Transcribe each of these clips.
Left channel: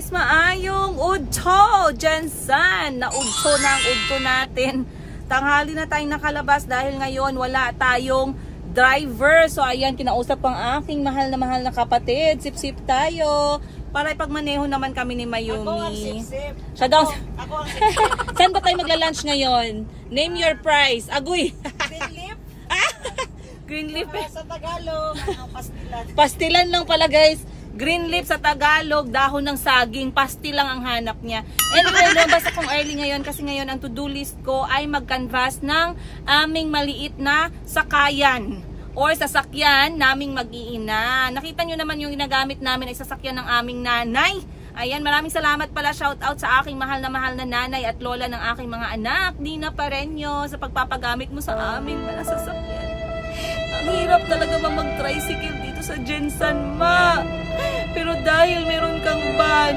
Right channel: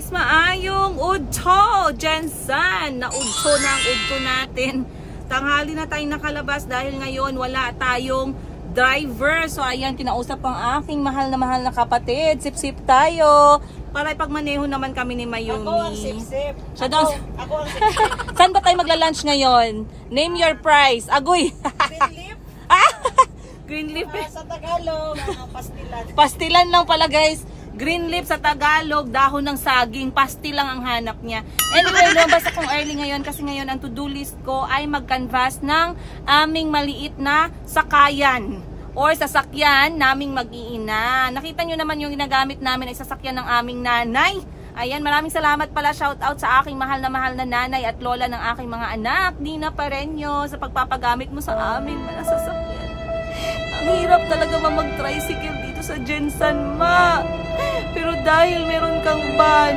guys, maayong udto, Jensen. Naudto na ang udto natin. Tanghali na tayong nakalabas dahil ngayon wala tayong driver. So ayan, kinausap ang aking mahal na kapatid. Sip-sip tayo. Para ipagmaneho naman kami ni Mayumi. Ako ang sip-sip. Ako ang sip-sip. Saan ba tayo magla-lunch ngayon? Name your price. Agoy. Greenleaf. Greenleaf. Sa Tagalog, pastilan. Pastilan lang pala guys. Greenleaf sa Tagalog, dahon ng saging, pasti lang ang hanap niya. Anyway, lumabas akong early ngayon kasi ngayon ang to-do list ko ay mag-canvas ng aming maliit na sakayan or sasakyan naming mag-iina. Nakita nyo naman yung ginagamit namin ay sasakyan ng aming nanay. Ayan, maraming salamat pala, shout out sa aking mahal na nanay at lola ng aking mga anak, Dina Pareño, sa pagpapagamit mo sa aming mga sasakyan. Ang hirap talaga mag-tricycle dito sa Jensen, ma. Pero dahil meron kang van.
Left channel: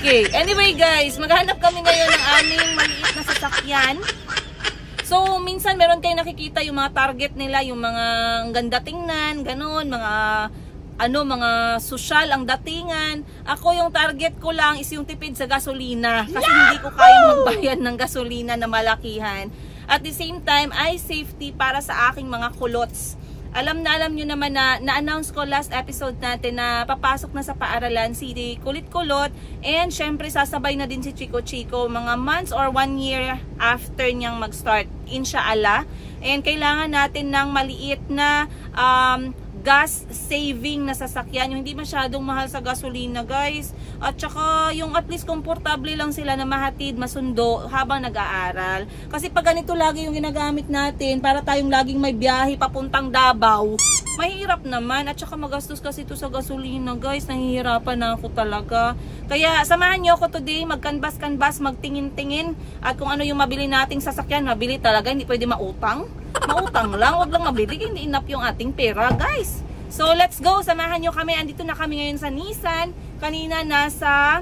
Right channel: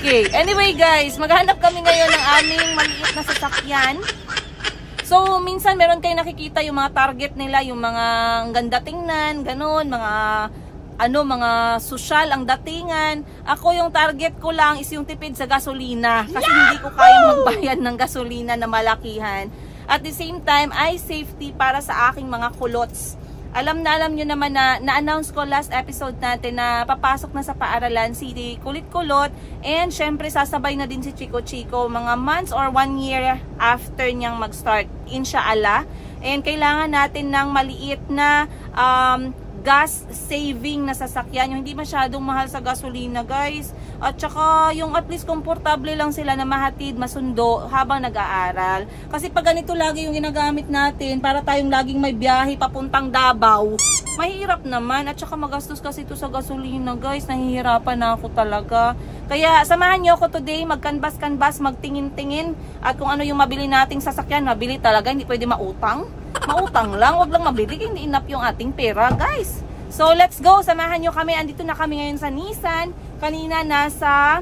Okay, anyway guys, maghanap kami ngayon ng aming maliit na sasakyan. So, minsan meron kayo nakikita yung mga target nila, yung mga ang ganda tingnan, ganun, mga social ang datingan. Ako yung target ko lang is yung tipid sa gasolina. Kasi hindi ko kayang magbayad ng gasolina na malakihan. At the same time, ay safety para sa aking mga kulots. Alam nyo naman na na-announce ko last episode natin na papasok na sa paaralan si Kulit Kulot. And syempre sasabay na din si Chico Chico mga months or 1 year after niyang mag-start. Inshallah. And kailangan natin ng maliit na gas saving na sasakyan, yung hindi masyadong mahal sa gasolina guys, at saka yung at least komportable lang sila na mahatid, masundo habang nag-aaral. Kasi pag ganito lagi yung ginagamit natin para tayong laging may biyahe papuntang Davao, mahirap naman, at saka magastos kasi ito sa gasolina guys. Nahihirapan na ako talaga. Kaya samahan nyo ako today, mag-canvas, magtingin-tingin, at kung ano yung mabili nating sasakyan, mabili talaga, hindi pwede mautang lang, wag lang mabili, hindi enough yung ating pera guys. So let's go, samahan nyo kami. Andito na kami ngayon sa Nissan. Kanina nasa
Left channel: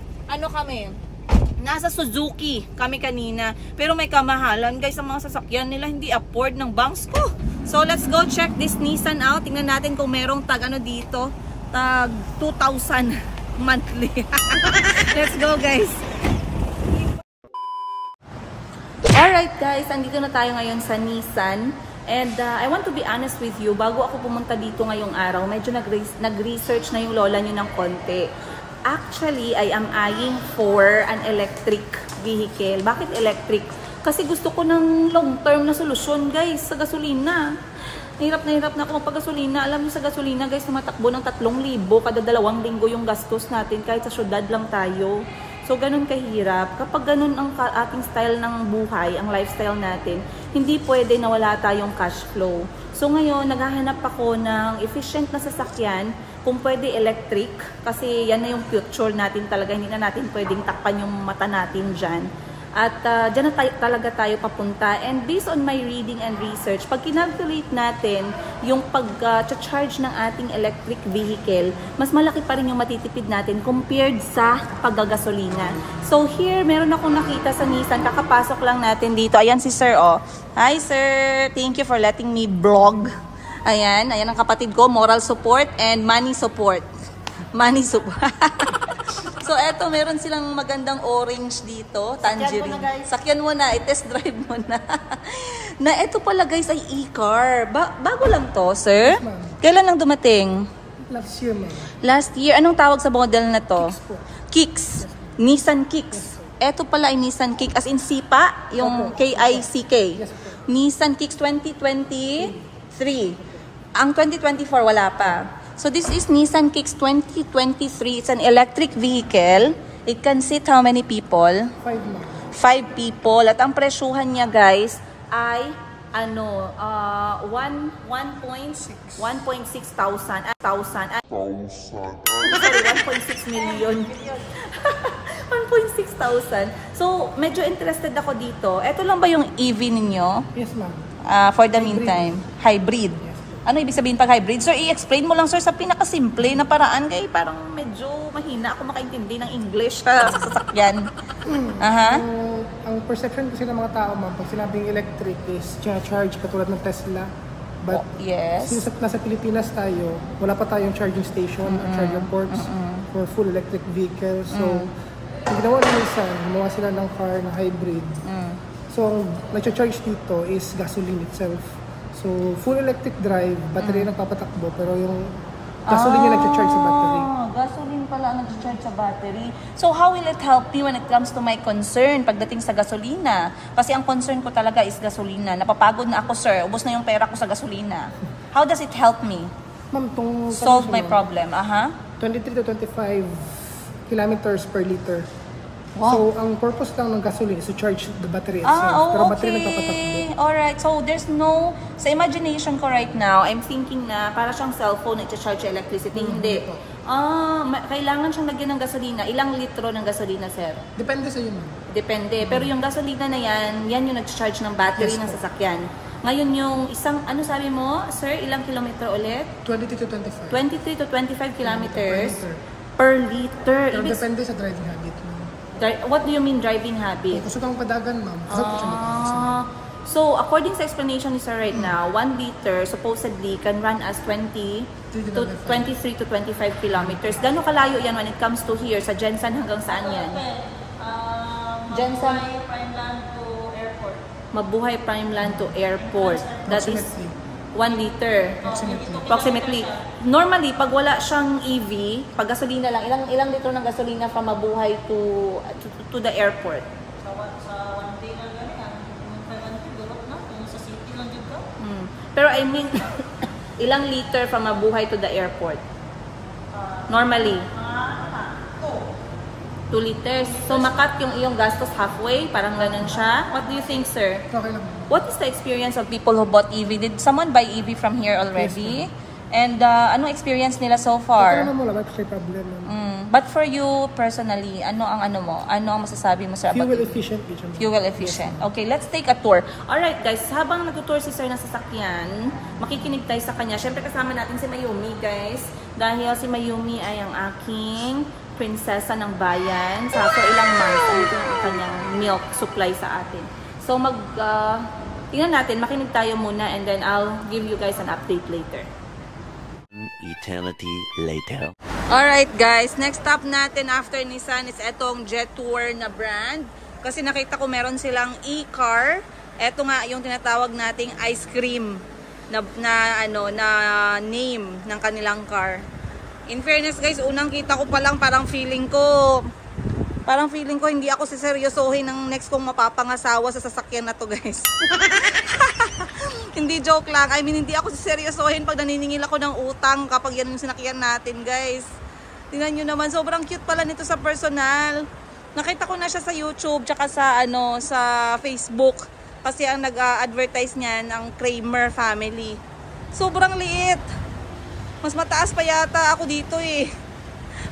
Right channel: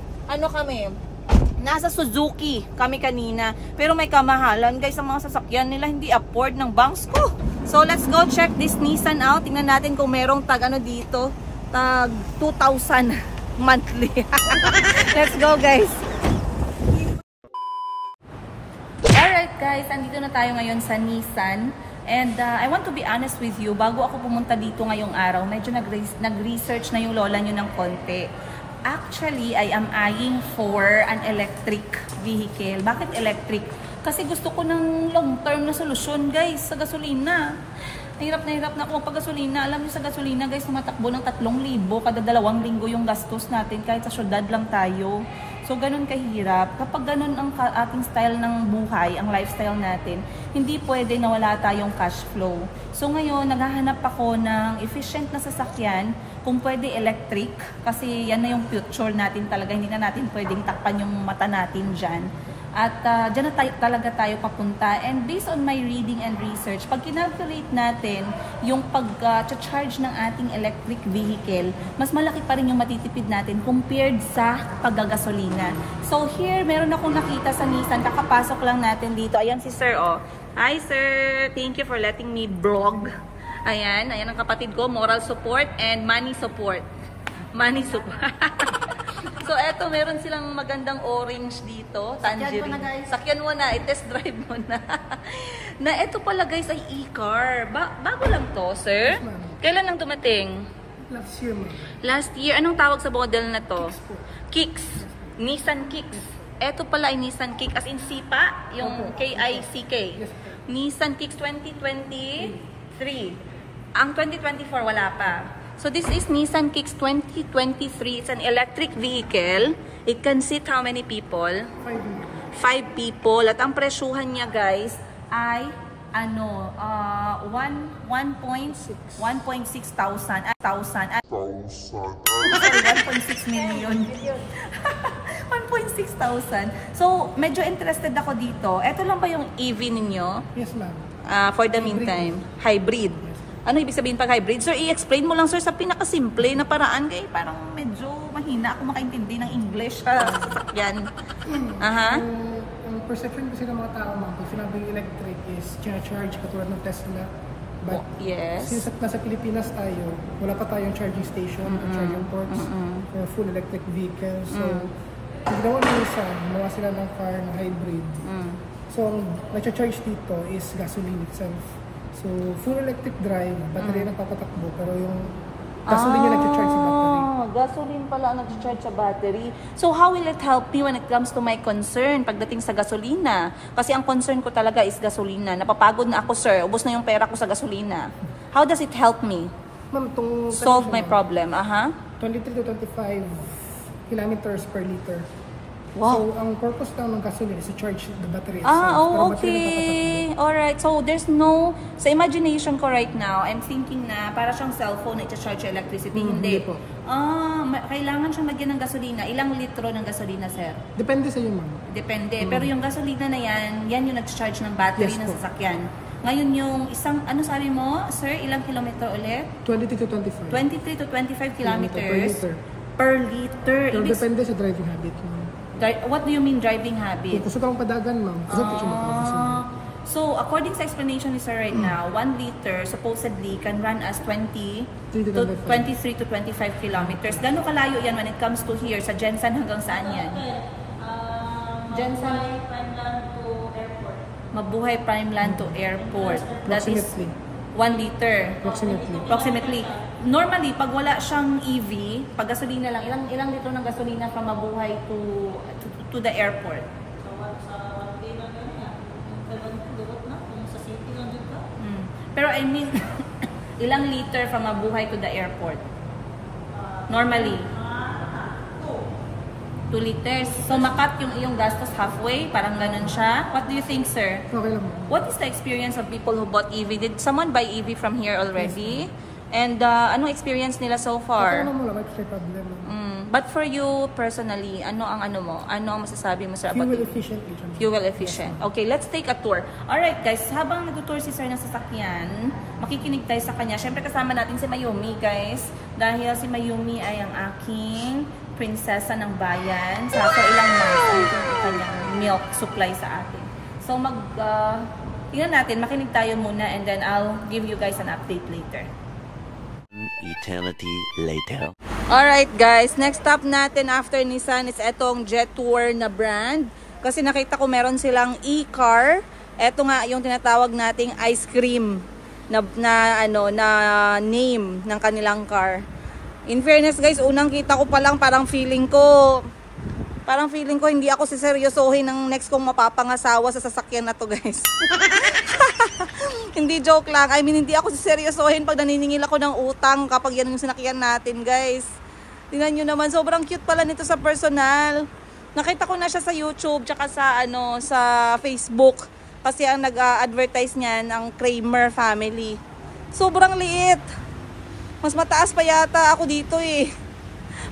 nasa Suzuki kami kanina, pero may kamahalan guys ang mga sasakyan nila, hindi afford ng banks ko. So let's go check this Nissan out. Tingnan natin kung merong tag dito, tag 2,000 monthly. Let's go guys. Alright guys, andito na tayo ngayon sa Nissan. And I want to be honest with you, bago ako pumunta dito ngayong araw, medyo nag-research na yung lola nyo ng konti. Actually, I am eyeing for an electric vehicle. Bakit electric? Kasi gusto ko ng long-term na solusyon guys sa gasolina. Nahirap na ako magpagasolina. Alam niyo sa gasolina guys, tumatakbo ng 3,000 kada 2 linggo yung gastos natin kahit sa syudad lang tayo. So, ganun kahirap. Kapag ganun ang ating style ng buhay, ang lifestyle natin, hindi pwede na wala tayong cash flow. So, ngayon, naghahanap ako ng efficient na sasakyan, kung pwede electric, kasi yan na yung future natin talaga. Hindi na natin pwedeng takpan yung mata natin dyan. At dyan na talaga tayo papunta. And based on my reading and research, pag kinalculate natin yung pag-charge ng ating electric vehicle, mas malaki pa rin yung matitipid natin compared sa paggagasolina. So here, meron akong nakita sa Nissan. Kakapasok lang natin dito. Ayan si Sir, oh. Hi Sir! Thank you for letting me vlog. Ayan ang kapatid ko. Moral support and money support. Money support. So, eto, meron silang magandang orange dito, tangerine. Sakyan mo na, i-test drive mo na. Na eto pala guys ay e-car. Bago lang to, sir? Kailan lang dumating? Last year lang. Last year? Anong tawag sa model na to? Kicks. Nissan Kicks. Eto pala ay Nissan Kicks. As in Sipa, yung K-I-C-K. Nissan Kicks 2023. Ang 2024 wala pa. So this is Nissan Kicks 2023. It's an electric vehicle. It can seat how many people? 5 people. At ang presyuhan niya guys ay 1.6 thousand. Sorry, 1.6 million. 1.6 thousand. So medyo interested ako dito. Ito lang ba yung EV ninyo? Yes ma'am. For the meantime, hybrid. Ano ibig sabihin pag hybrid? Sir, i-explain mo lang sir sa pinakasimple na paraan. Kaya parang medyo mahina ako makaintindi ng English sa sasakyan. Ang perception kasi ng mga tao ma'am, pag sinabing electric is charge katulad ng Tesla, But Yes. since nasa Pilipinas tayo, wala pa tayong charging station or charging ports for full electric vehicles. So, yung ginawa ni Nissan, gumawa sila ng car na hybrid. So, ang nag-charge dito is gasoline itself. So, full electric drive, battery ang nagpapatakbo, pero yung gasoline yung nag-charge sa battery. Gasoline pala ang nag-charge sa battery. So, how will it help me when it comes to my concern pagdating sa gasolina? Kasi ang concern ko talaga is gasolina. Napapagod na ako, sir. Ubos na yung pera ko sa gasolina. How does it help me Ma'am, itong solve my problem? 23 to 25 kilometers per liter. Wow. So, ang purpose lang ng gasoline is to charge the battery itself. Pero battery nagpapatakbo. Alright. So, there's no... Sa imagination ko right now, I'm thinking na para siyang cellphone na i-charge yung electricity. Hindi. po. Kailangan siyang lagyan ng gasolina. Ilang litro ng gasolina, sir? Depende sa inyo, ma'am. Depende. Pero yung gasolina na yan yung nag-charge ng battery Yes, ng po. sasakyan. Ngayon yung isang, ano sabi mo, sir, ilang kilometer ulit? 23 to 25. 23 to 25 kilometers Per liter. per liter. Pero depende sa driving habit, ma'am. What do you mean driving habit? Kung kusog ang padagan, ma'am, kusog po siya magkakasin. So, according sa explanation ni sir right now, 1 liter supposedly can run as 20 to 23 to 25 kilometers. Gano'ng kalayo yan when it comes to here, sa Jensen hanggang saan yan? Jensen? Mabuhay Primeland to Airport. That is Approximately. 1 liter. Approximately. Normally, pag wala siyang EV, pag gasolina lang, ilang litro ng gasolina from Mabuhay to the airport? Pero I mean, ilang liter from Mabuhay to the airport? Normally? 2 liters. So, makat yung iyong gastos halfway? Parang ganun siya? What do you think, sir? Okay lang. What is the experience of people who bought EV? Did someone buy EV from here already? And anong experience nila so Okay far? naman mo, wala pa siya problem, ma'am. But for you personally, ano ang ano mo? Ano ang masasabi mo sir about Fuel EV? efficient. Ma'am. Fuel efficient. Okay, let's take a tour. Alright guys, habang nag-tour si sir ng sasakyan, makikinig tayo sa kanya. Siyempre kasama natin si Mayumi guys. Dahil si Mayumi ay ang aking prinsesa ng bayan. So ilang months ang kanyang milk supply sa atin. So tingnan natin, makinig tayo muna and then I'll give you guys an update later. Eternity later. Alright guys, next stop natin after Nissan is etong Jetour na brand. Kasi nakita ko meron silang e-car. Eto nga yung tinatawag nating ice cream na name ng kanilang car. In fairness guys, unang kita ko pa lang parang feeling ko hindi ako siseryosohin ng next kong mapapangasawa sa sasakyan na to guys. Hindi joke lang. I mean, hindi ako siseryosohin pag naniningil ako ng utang kapag yan yung sinakyan natin guys. Tingnan nyo naman, sobrang cute pala nito sa personal. Nakita ko na siya sa YouTube tsaka sa Facebook. Kasi ang nag-advertise niyan ang Kramer family. Sobrang liit. Mas mataas pa yata ako dito eh.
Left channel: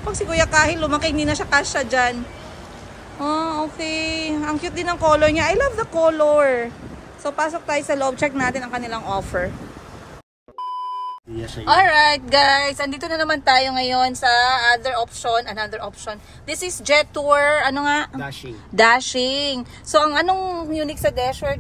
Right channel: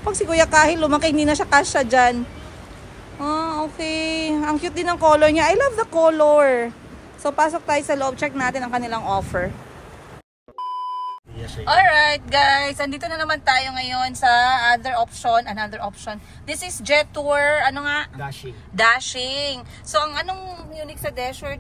Pag si Kuya Kahil lumaki, hindi na siya kasya dyan. Okay. Ang cute din ng color niya. I love the color. So, pasok tayo sa loob. Check natin ang kanilang offer. Alright guys, andito na naman tayo ngayon sa another option. This is Jetour, ano nga? Dashing. So ang anong unique sa Dasher?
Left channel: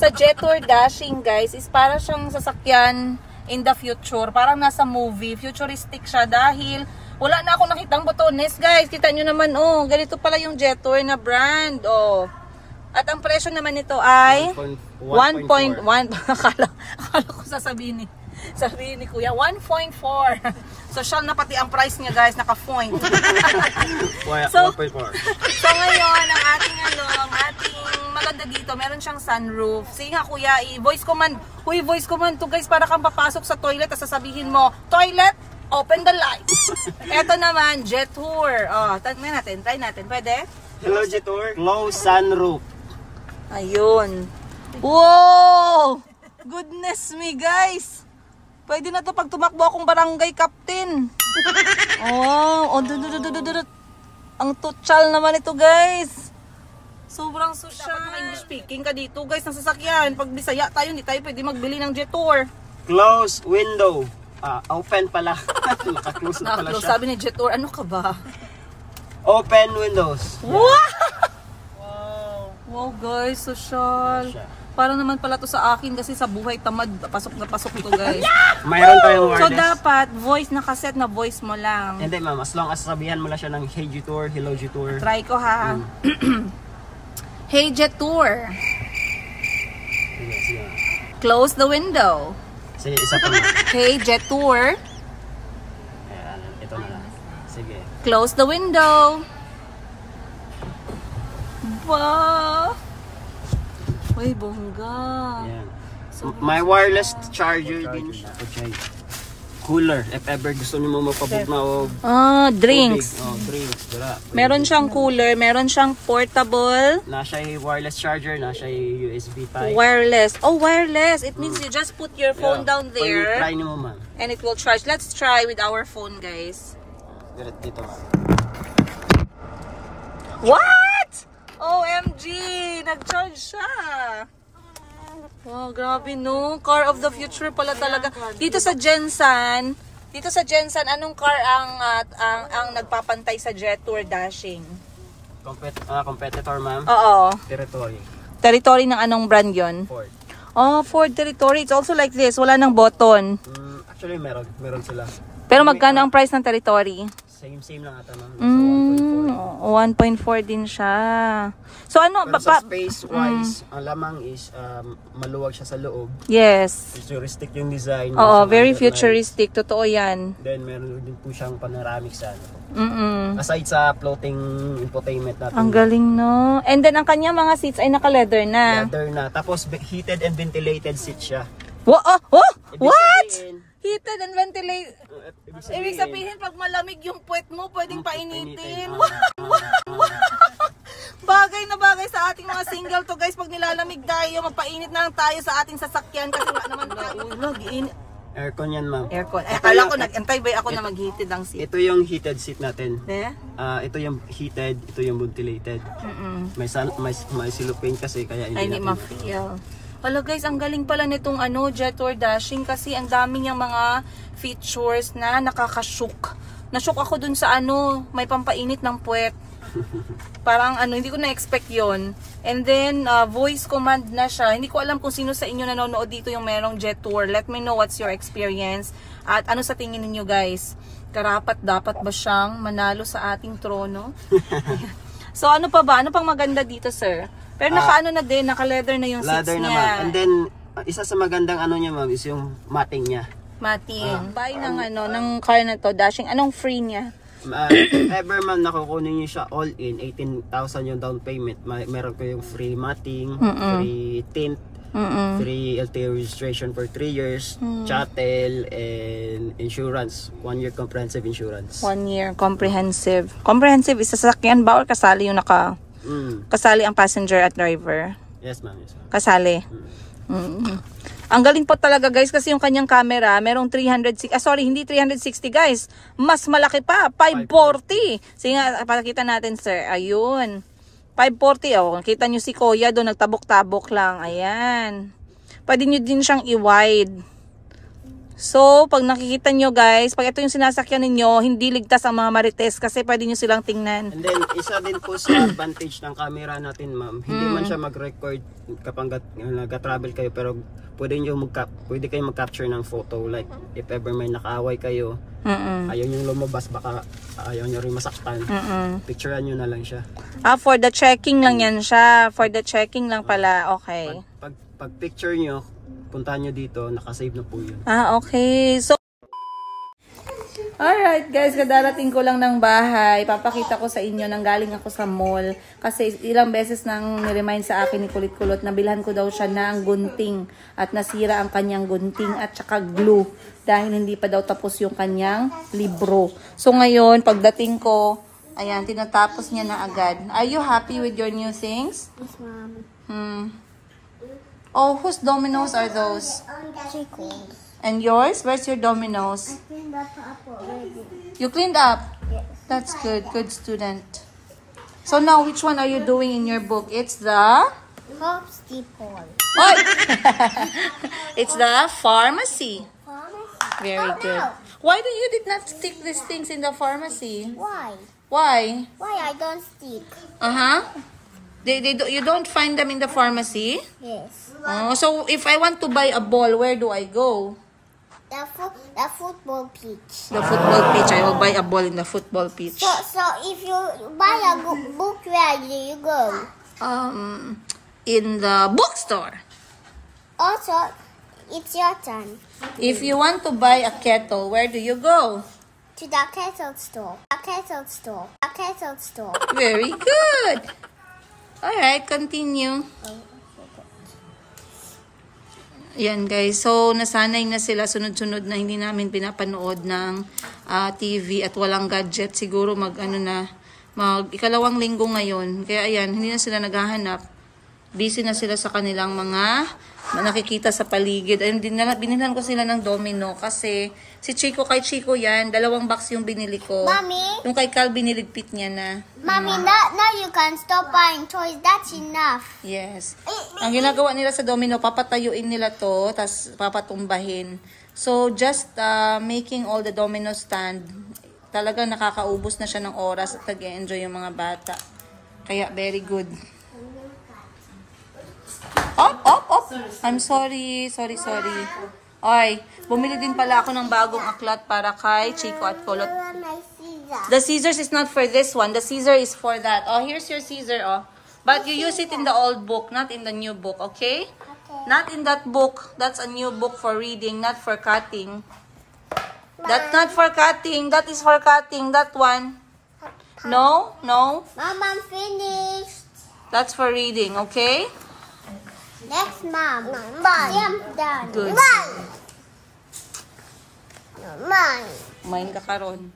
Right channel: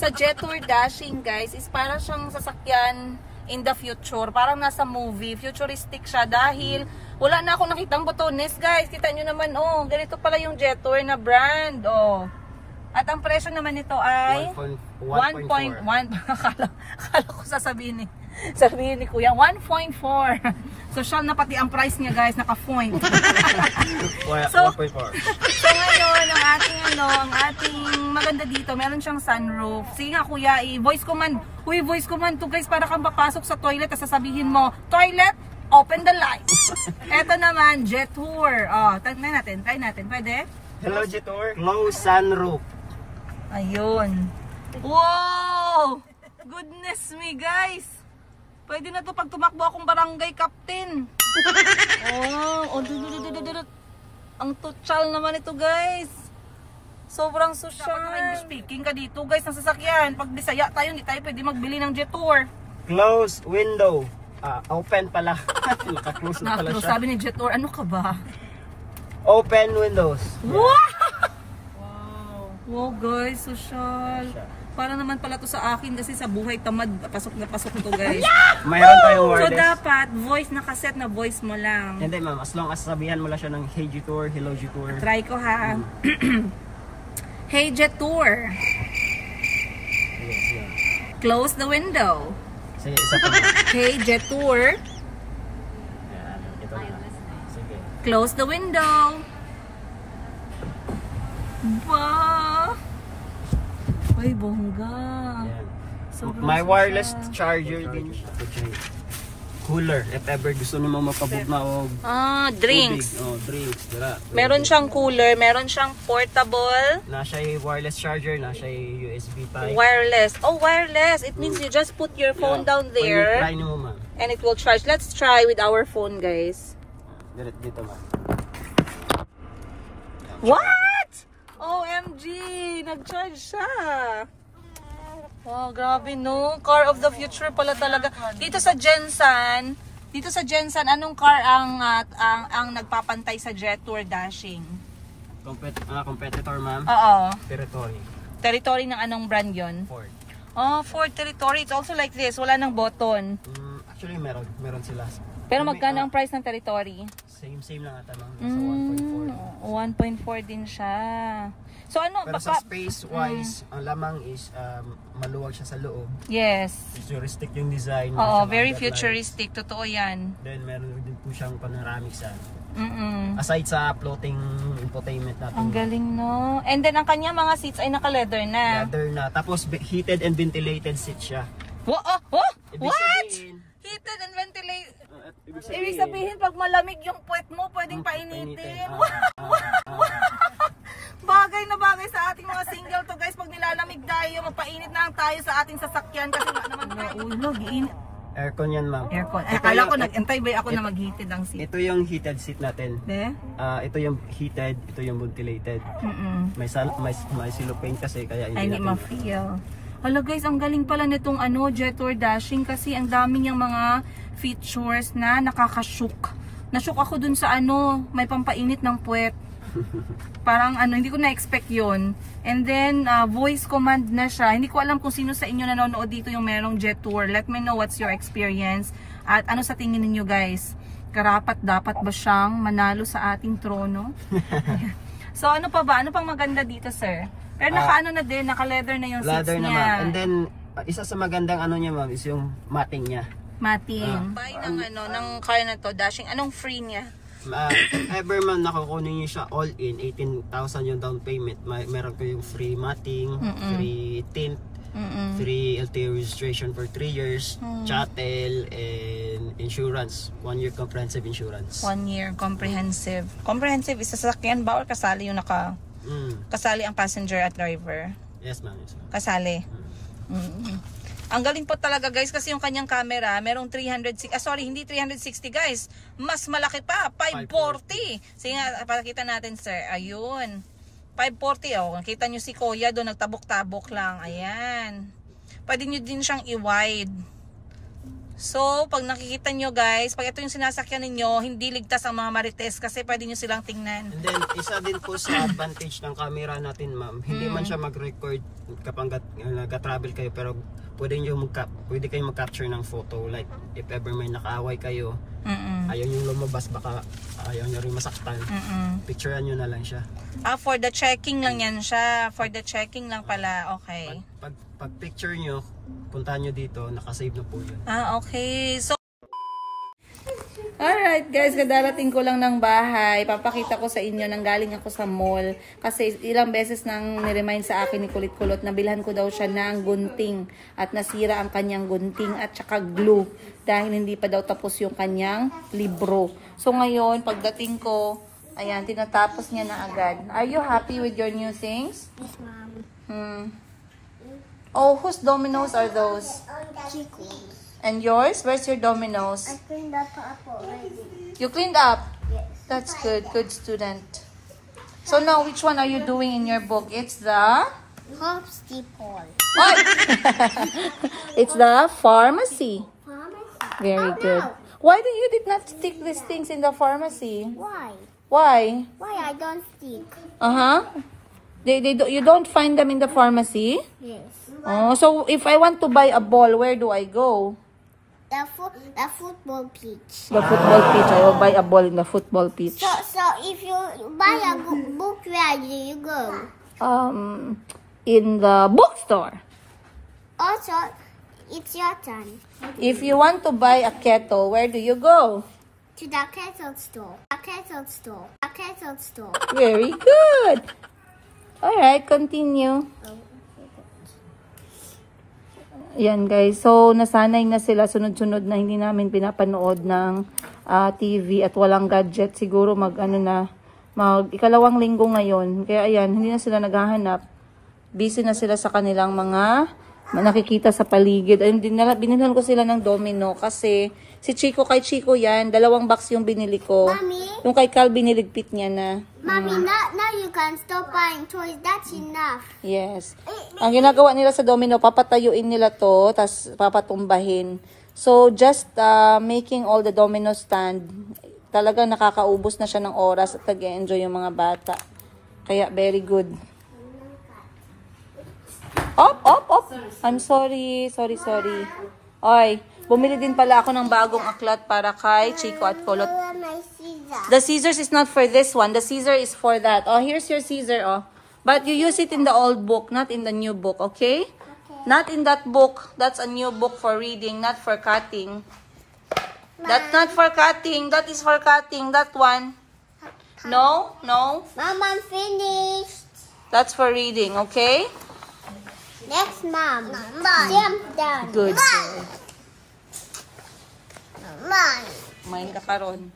Sa Jetour Dashing guys, is para siyang sasakyan in the future. Parang nasa movie, futuristic siya dahil wala na akong nakitang botones guys. Kita nyo naman, ganito pala yung Jetour na brand, At ang presyo naman nito ay 1.1. Akala ko sasabihin ni Kuya, 1.4. So, siya na pati ang price niya guys, naka-point. so ngayon, ang ating maganda dito, meron siyang sunroof. Sige nga Kuya, voice command to guys, para kang papasok sa toilet at sasabihin mo, toilet, open the lights. Eto naman, Jetour. Try natin. Pwede? Hello Jetour. Close sunroof. Ayun. Wow! Goodness me, guys. Pwede na to pag tumakbo akong barangay captain. Ang tutsal naman ito, guys. Sobrang social. Speaking ka dito, guys, ng sasakyan. Pag Bisaya tayo, hindi tayo pwede magbili ng Jetour. Close window. Open pala. Naka-close na pala siya. Sabi ni Jetour, ano ka ba? Open windows. Wow! Wow guys, social. Para naman pala to sa akin kasi sa buhay tamad, pasok na pasok to guys. Mayroon tayong So wireless. dapat voice, nakaset na voice mo lang. Hindi ma'am, as long as sabihan mo lang siya ng Hey G-Tour, Hello G-Tour. Try ko ha. Hey Jetour, Sige, sige. close the window. Sige, isa pa. Hey Jetour, Ayan, ito na lang. Sige. close the window. Ba? Uy, bongga. Ayan. Sobrang May wireless charger din siya. Okay. Cooler. If ever gusto mo mapabog na o Drinks. tubig. Oh, drinks. Dara. Meron siyang cooler, meron siyang portable, Na siya yung wireless charger, na siya yung USB type. wireless. Oh, wireless. It means you just put your phone down there Try mo man. and it will charge. Let's try with our phone, guys. Dito man. What? OMG! Nag-charge siya. Wow, grabe no. Car of the future pala talaga. Dito sa Jensen, anong car ang nagpapantay sa jet tour dashing? Competitor ma'am. Oo. Territory. Territory ng anong brand yon? Ford. Oh, Ford Territory. It's also like this. Wala nang button. Actually meron sila. Pero magkano ang price ng Territory? Same lang ata ma'am. Nasa 1.4 din siya. So ano? Pero sa space wise, ang lamang is maluwag siya sa loob. Yes. Futuristic yung design. Oo, Sa very underline. futuristic. Totoo yan. Then meron din po siyang panoramic sa ano. Aside Aside sa floating infotainment natin. Ang galing, no? And then, ang kanya mga seats ay naka-leather na. Leather na. Tapos heated and ventilated seat siya. What? Ibig What? sabihin, Heated and ventilated. ibig Ibig sabihin, pag malamig yung puwet mo, pwedeng painitin. Bagay na bagay sa ating mga single to, guys. Pag nilalamig tayo, mapainit na lang tayo sa ating sasakyan. Kasi wala naman maulog. aircon yan ma'am. Aircon. Ay, akala ko, nag-antay ba ako na mag-heated ang seat? Ito yung heated seat natin. Eh? Ito yung heated, ito yung ventilated. May cellophane kasi kaya Ay, hindi natin- ma-feel. Hala guys, ang galing pala nitong jet tour dashing kasi ang dami niyang mga features na nakakashook. Nashook ako dun sa may pampainit ng puwet. Parang hindi ko na-expect yon. And then, voice command na siya. Hindi ko alam kung sino sa inyo nanonood dito yung merong jet tour. Let me know what's your experience. At ano sa tingin ninyo guys? Karapat dapat ba siyang manalo sa ating trono? So ano pa ba? Ano pang maganda dito, sir? Pero naka-leather na yung seats Leather na niya. ma'am. And then, isa sa magandang niya ma'am is yung mating niya. Mating. Buy ng car na to, dashing. Anong free niya? Ever man nakukunin niyo siya all in 18,000 yung down payment. Meron ko yung free matting, free tint, free LTO registration for 3 years, chattel, and insurance. 1 year comprehensive insurance. 1 year comprehensive. Comprehensive is sasakyan ba or kasali yung kasali ang passenger at driver? Yes ma'am. Yes, ma'am. Kasali. Ang galing po talaga guys kasi yung kanyang camera merong 360, hindi 360 guys, mas malaki pa, 540. Sige nga, pakita natin sir, ayun, 540, kita nyo si Kuya doon, nagtabok-tabok lang, ayan. Pwede nyo din siyang i-wide. So, pag nakikita nyo guys, pag ito yung sinasakyan ninyo, hindi ligtas ang mga marites kasi pwede nyo silang tingnan. And then, isa din po sa advantage ng camera natin ma'am, hindi man siya mag-record kapag nag-travel kayo, pero pwede kayong mag-capture ng photo. Like, if ever may nakaaway kayo, ayaw nyo lumabas, baka ayaw nyo rin masaktan. Picturean nyo na lang siya. For the checking lang yan siya. For the checking lang pala, okay. Pag picture nyo, puntahan nyo dito, nakasave na po yun. Okay. So, alright guys, kadarating ko lang ng bahay. Papakita ko sa inyo nang galing ako sa mall. Kasi ilang beses nang niremind sa akin ni Kulit Kulot na bilhan ko daw siya ng gunting. At nasira ang kanyang gunting at saka glue. Dahil hindi pa daw tapos yung kanyang libro. So ngayon, pagdating ko, ayan, tinatapos niya na agad. Are you happy with your new things? Yes, Mom. Oh, whose dominoes are those? Chico's. And yours? Where's your dominoes? I cleaned up already. You cleaned up? Yes. That's good. Good student. So now, which one are you doing in your book? It's the... Hops Depot. Oy! It's the pharmacy. Pharmacy. Very Oh, good. no. Why did not stick these things in the pharmacy? Why? Why? Why I don't stick? You don't find them in the pharmacy? Yes. Oh, so if I want to buy a ball, where do I go? The football pitch. The football pitch. I will buy a ball in the football pitch. So if you buy a book, where do you go? In the bookstore. Also, it's your turn. If you want to buy a kettle, where do you go? To the kettle store. A kettle store. A kettle store. Very good. Alright, continue. Yan guys, so nasanay na sila sunod-sunod na hindi namin pinapanood ng TV at walang gadget. Siguro mag ikalawang linggo ngayon. Kaya ayan, hindi na sila naghahanap. Busy na sila sa kanilang mga nakikita sa paligid. Ayun, binilhan ko sila ng domino kasi si Chico, kay Chico yan, 2 box yung binili ko. Mommy? Yung kay Cal, biniligpit niya na. Mommy, now you can stop buying toys. That's enough. Yes. Ang ginagawa nila sa domino, papatayuin nila to, tas papatumbahin. So, just making all the domino stand, talaga nakakaubos na siya ng oras at nag-enjoy yung mga bata. Kaya, very good. Op! I'm sorry. Ay, bumili din pala ako ng bagong aklat para kay Chico at Kolot. My scissors. The scissors is not for this one. The scissor is for that. Oh, here's your scissor, oh. But you use it in the old book, not in the new book, okay? Not in that book. That's a new book for reading, not for cutting. That's not for cutting. That is for cutting. That one. No. Mom, I'm finished. That's for reading, okay? Next, Mom. I'm done. Good. Mom. Main ka karon.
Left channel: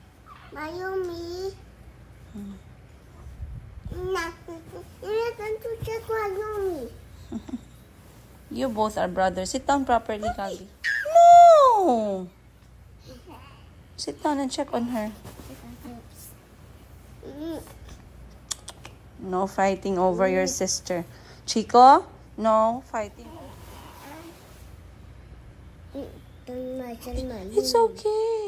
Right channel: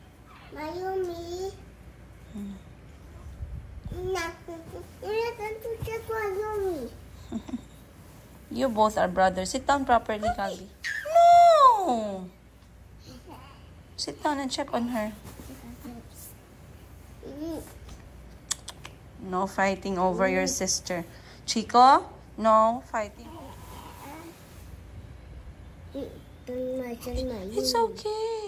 Mayumi. You're going to check Mayumi. You both are brothers. Sit down properly, Gabi. No! Sit down and check on her. No fighting over your sister. Chico? No fighting. It's okay.